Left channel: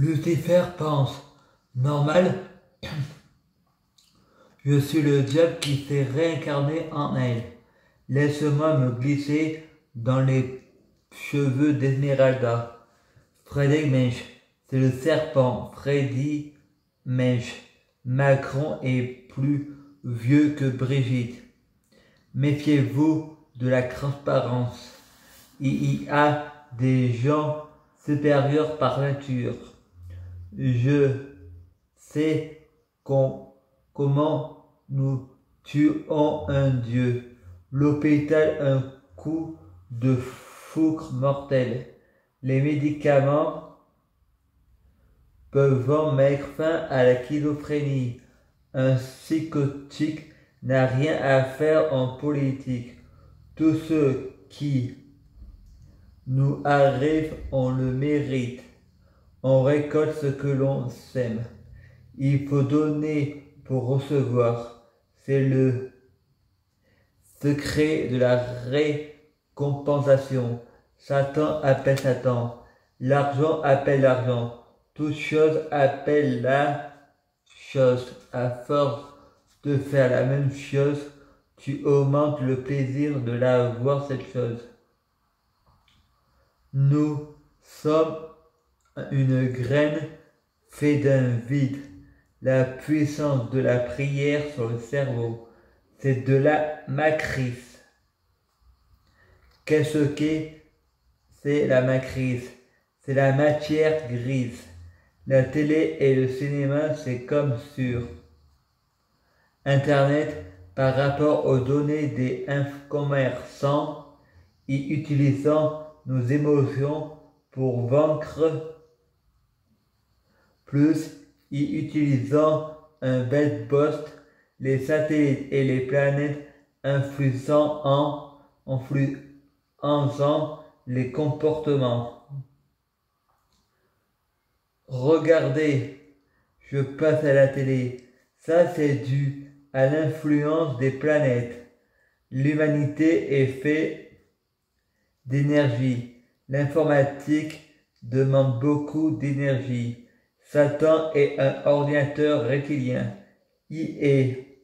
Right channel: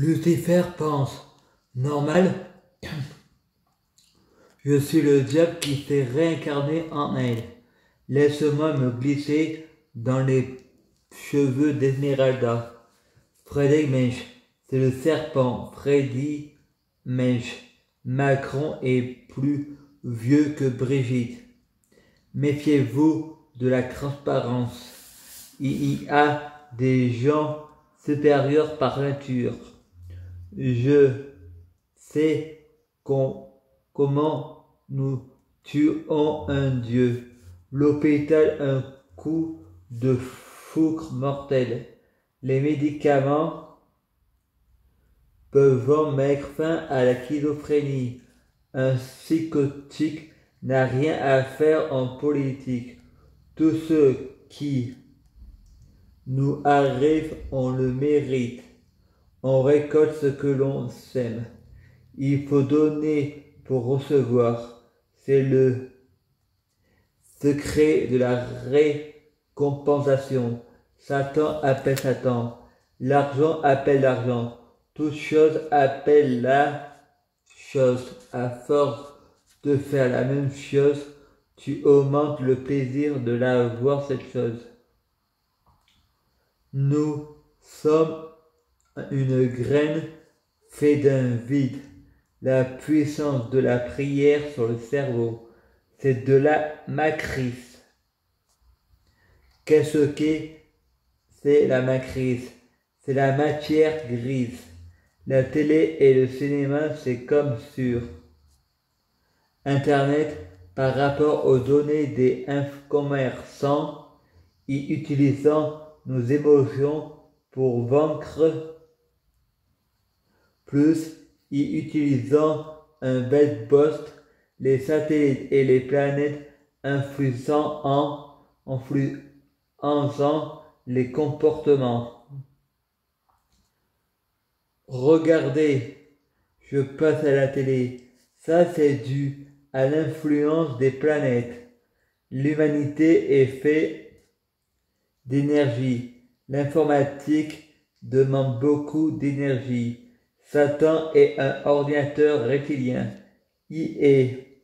Lucifer pense, normal, je suis le diable qui s'est réincarné en elle. Laisse-moi me glisser dans les cheveux d'Esmeralda. Frédéric Mensch, c'est le serpent. Freddy Mensch. Macron est plus vieux que Brigitte. Méfiez-vous de la transparence. Il y a des gens supérieurs par nature. Je sais comment nous tuons un dieu. L'hôpital, un coup de foudre mortel. Les médicaments peuvent mettre fin à la schizophrénie. Un psychotique n'a rien à faire en politique. Tout ce qui nous arrive, on le mérite. On récolte ce que l'on sème. Il faut donner pour recevoir. C'est le secret de la récompensation. Satan appelle Satan. L'argent appelle l'argent. Toute chose appelle la chose. À force de faire la même chose, tu augmentes le plaisir de la voir cette chose. Nous sommes une graine faite d'un vide. La puissance de la prière sur le cerveau, c'est de la matrice. Qu'est-ce que c'est la matrice? C'est la matière grise. La télé et le cinéma, c'est comme sur Internet par rapport aux données des commerçants y utilisant nos émotions pour vaincre plus y utilisant un bel poste, les satellites et les planètes influençant les comportements. Regardez, je passe à la télé. Ça, c'est dû à l'influence des planètes. L'humanité est faite d'énergie. L'informatique demande beaucoup d'énergie. Satan est un ordinateur reptilien. Il est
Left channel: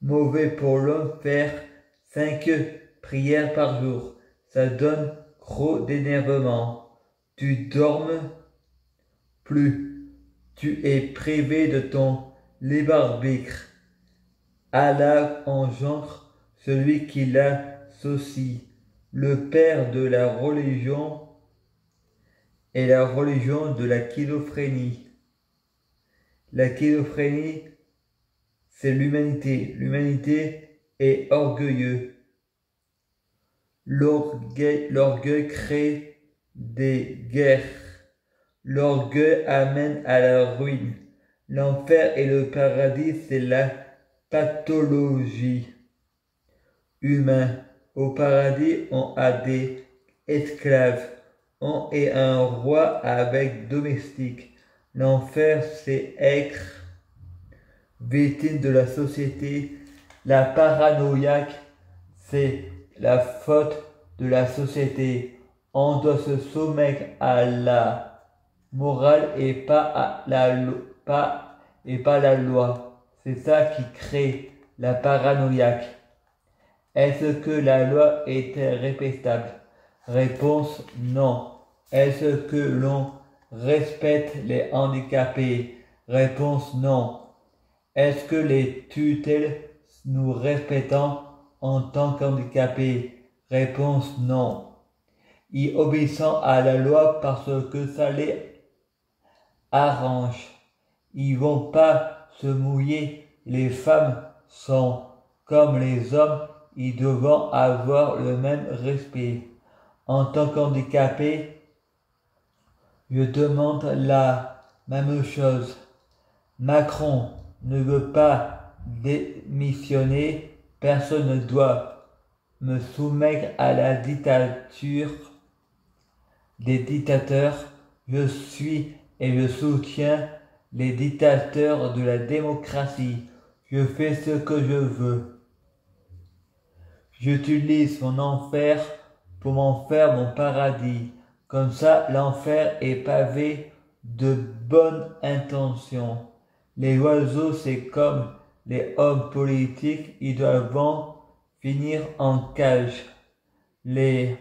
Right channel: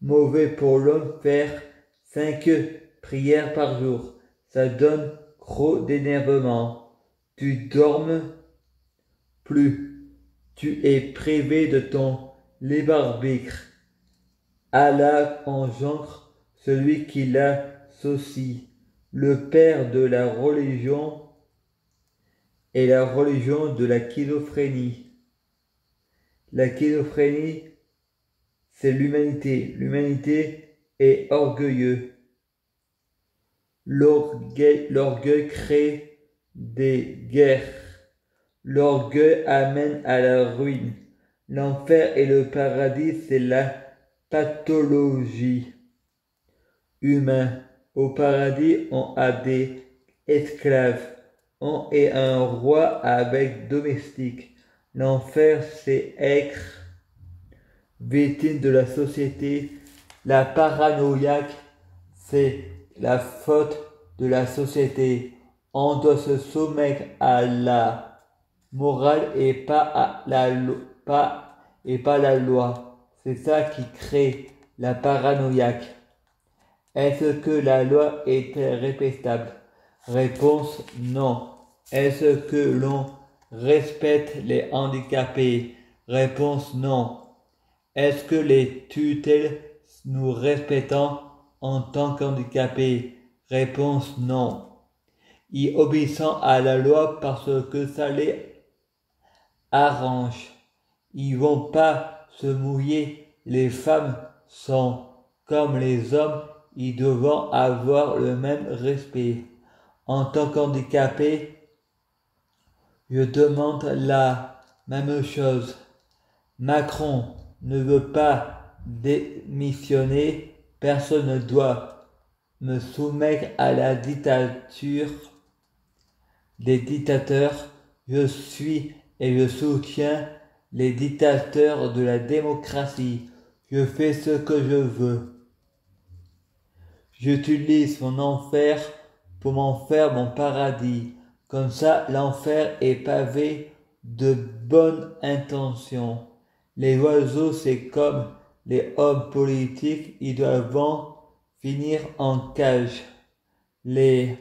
mauvais pour l'homme faire 5 prières par jour. Ça donne trop d'énervement. Tu dormes plus. Tu es privé de ton libre arbitre. Allah engendre celui qui l'associe. Le père de la religion est la religion de la schizophrénie. La schizophrénie, c'est l'humanité. L'humanité est orgueilleux. L'orgueil crée des guerres. L'orgueil amène à la ruine. L'enfer et le paradis, c'est la pathologie humaine. Au paradis, on a des esclaves. On est un roi avec domestique. L'enfer, c'est être victime de la société. La paranoïaque, c'est la faute de la société. On doit se soumettre à la morale et pas la loi. C'est ça qui crée la paranoïaque. Est-ce que la loi est répétable? Réponse non. Est-ce que l'on respecte les handicapés? Réponse non. Est-ce que les tutelles nous respectons en tant qu'handicapés? Réponse non. Ils obéissent à la loi parce que ça les arrange. Ils vont pas se mouiller. Les femmes sont comme les hommes. Ils doivent avoir le même respect. En tant qu'handicapé, je demande la même chose. Macron ne veut pas démissionner. Personne ne doit me soumettre à la dictature des dictateurs. Je suis et je soutiens les dictateurs de la démocratie. Je fais ce que je veux. J'utilise mon enfer pour m'en faire mon paradis. Comme ça, l'enfer est pavé de bonnes intentions. Les oiseaux, c'est comme les hommes politiques, ils doivent finir en cage. Les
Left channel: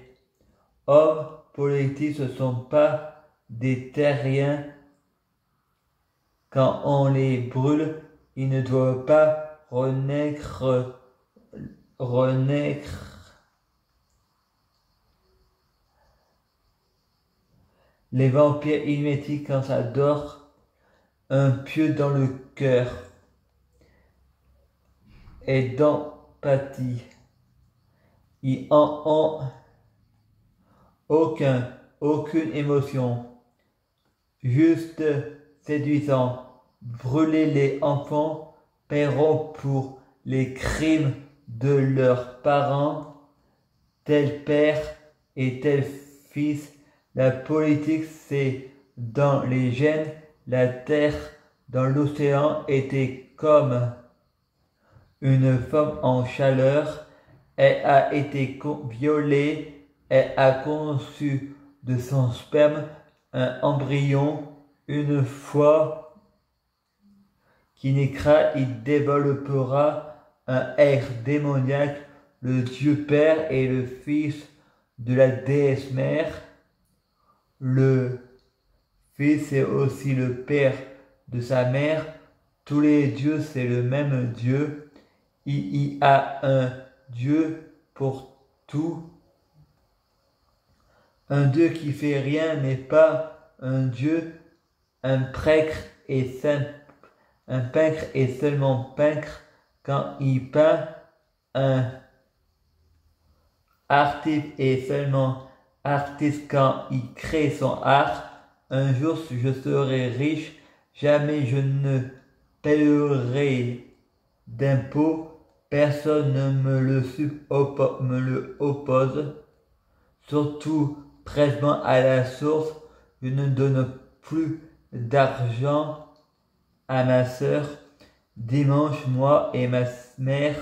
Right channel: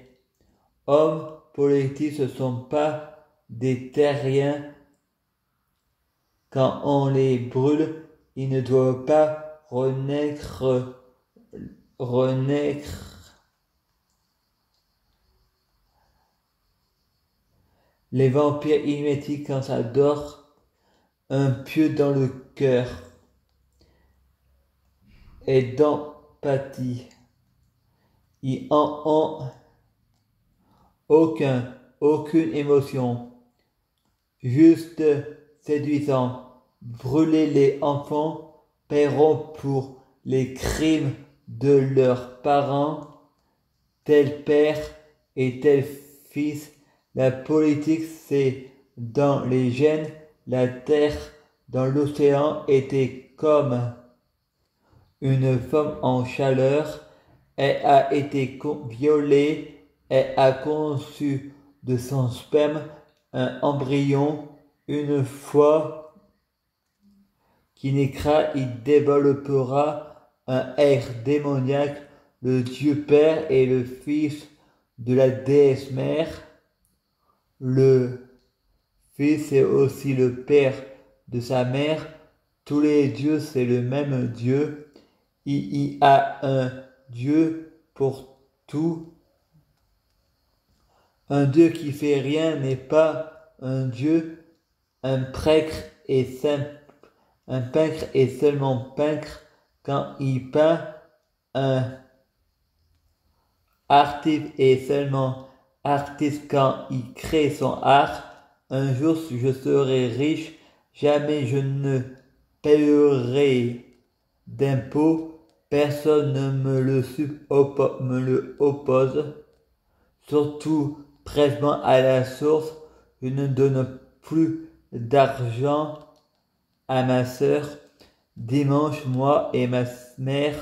hommes politiques, ce ne sont pas des terriens. Quand on les brûle, ils ne doivent pas renaître. Les vampires hymétiques, quand ça dort, un pieu dans le cœur et d'empathie. Ils en ont aucune émotion, juste séduisant. Brûler les enfants paieront pour les crimes de leurs parents, tel père et tel fils. La politique, c'est dans les gènes. La terre dans l'océan était comme une femme en chaleur. Elle a été violée. Elle a conçu de son sperme un embryon. Une fois qu'il naîtra, il développera un être démoniaque. Le Dieu Père et le Fils de la déesse mère. Le Fils est aussi le Père de sa mère. Tous les dieux, c'est le même Dieu. Il y a un Dieu pour tout. Un Dieu qui fait rien n'est pas un Dieu. Un peintre est seulement peintre quand il peint. Un artiste est seulement artiste quand il crée son art. Un jour je serai riche, jamais je ne paierai d'impôts, personne ne me le oppose. Surtout prélèvement à la source, je ne donne plus d'argent à ma sœur. Dimanche, moi et ma mère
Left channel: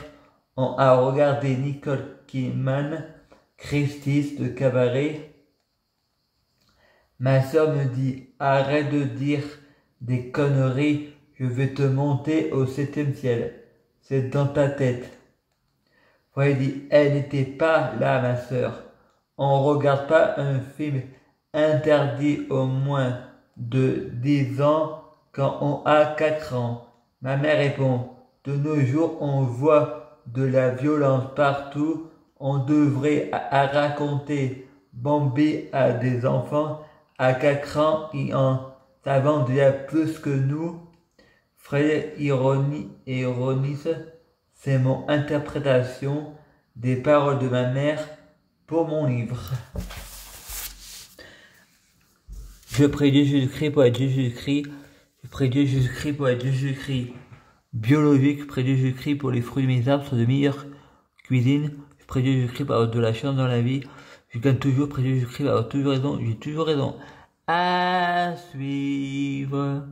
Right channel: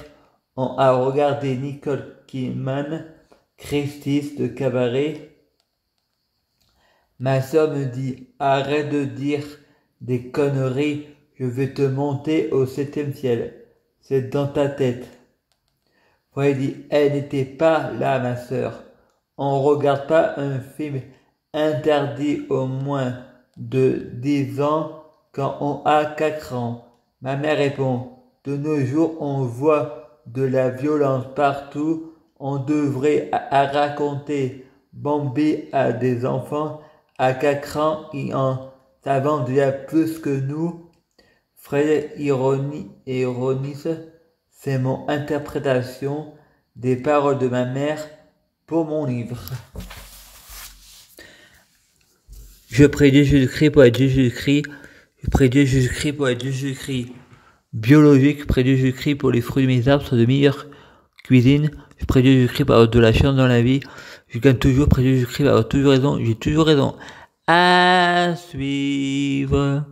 on a regardé Nicole Kidman, Christie de cabaret. Ma sœur me dit, arrête de dire des conneries, je vais te monter au 7e ciel. C'est dans ta tête. Elle dit, elle n'était pas là, ma sœur. On ne regarde pas un film interdit au moins de 10 ans quand on a 4 ans. Ma mère répond, de nos jours on voit de la violence partout. On devrait raconter Bambi à des enfants. À 4 ans, ils en savent déjà plus que nous. Fred ironise, c'est mon interprétation des paroles de ma mère pour mon livre. Je prie Dieu Jésus-Christ pour être Jésus-Christ. Je prie Dieu Jésus-Christ pour être Jésus-Christ biologique. Je prie Dieu Jésus-Christ pour les fruits de mes arbres sont de meilleure cuisine. Je prie Dieu Jésus-Christ pour avoir de la chance dans la vie. Je gagne toujours. Prie Dieu Jésus-Christ pour avoir toujours raison. J'ai toujours raison. À suivre.